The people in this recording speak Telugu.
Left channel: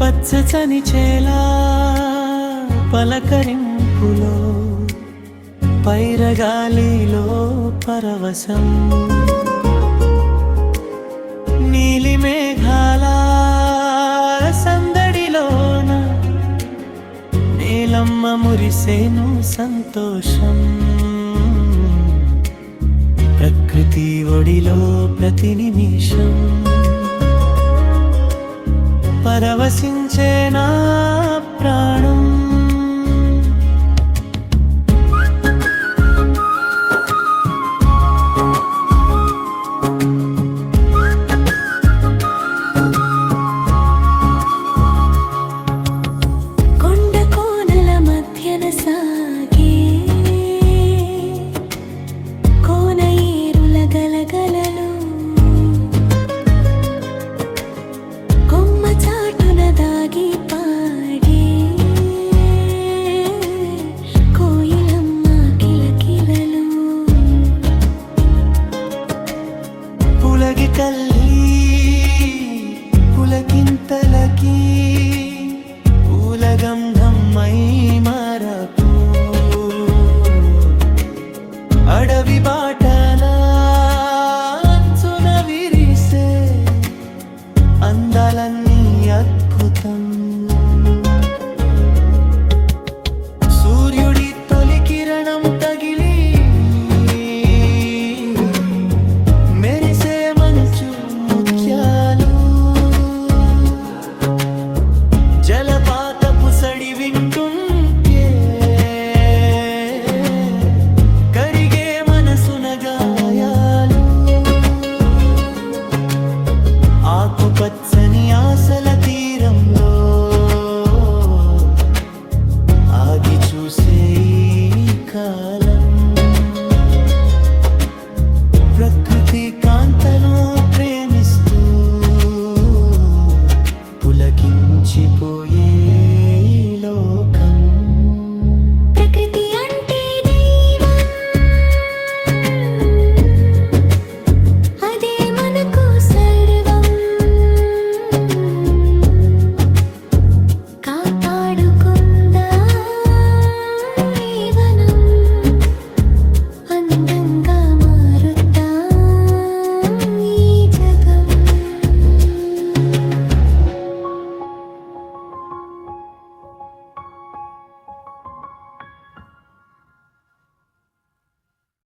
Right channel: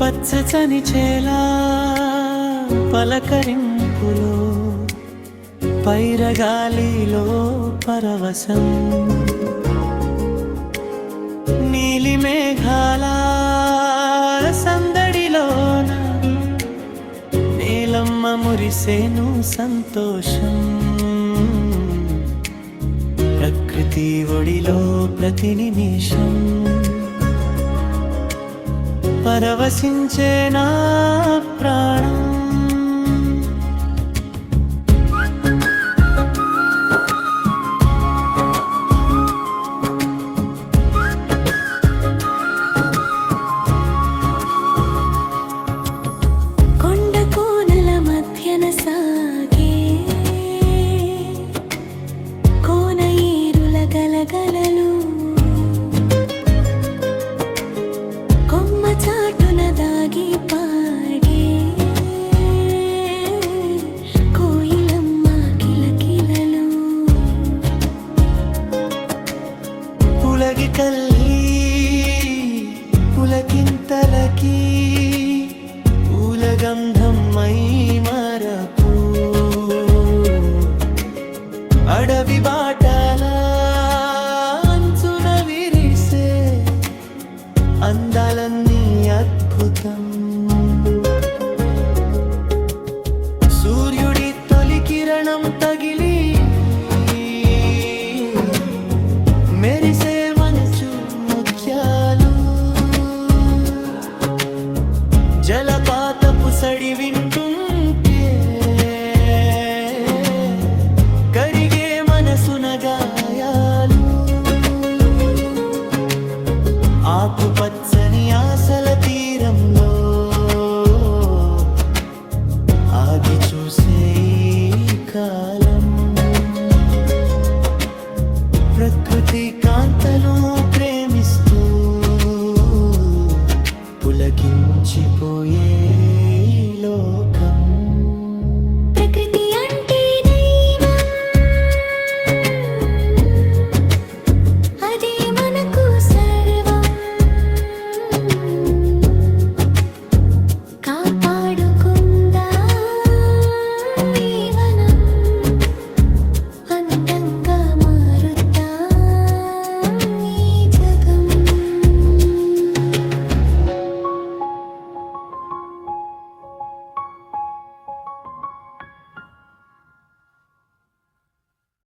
పచ్చని చేలా పలకరింపులో పైరగాలిలో పరవశం నీలి మేఘాలా నేలమ్మ మురిసేను సంతోషం. ప్రకృతి ఒడిలో ప్రతి నిమిషం. పరవశించే నా ప్రాణం. మధ్యన కోన ఏరుల గలగలలు. కొమ్మ చాటున దాగి పాడే. కోయిలమ్మ కిలకిలలు. పులగి కల్లి పులకింతలకి. పూలగంధం మై మరపు. అడవి బాటల అంచున విరిసే అందాలన్నీ అద్భుతం. సూర్యుడి తొలి కిరణం తగిలి జలపాతపు సడి వింటుంటే కరిగే మనసున గాయాలు ఆకుపచ్చని ఆశల తీరంలో ఆగి చూసే కాలం. ప్రకృతి కాంతను ప్రేమిస్తూ పులకించిపోయే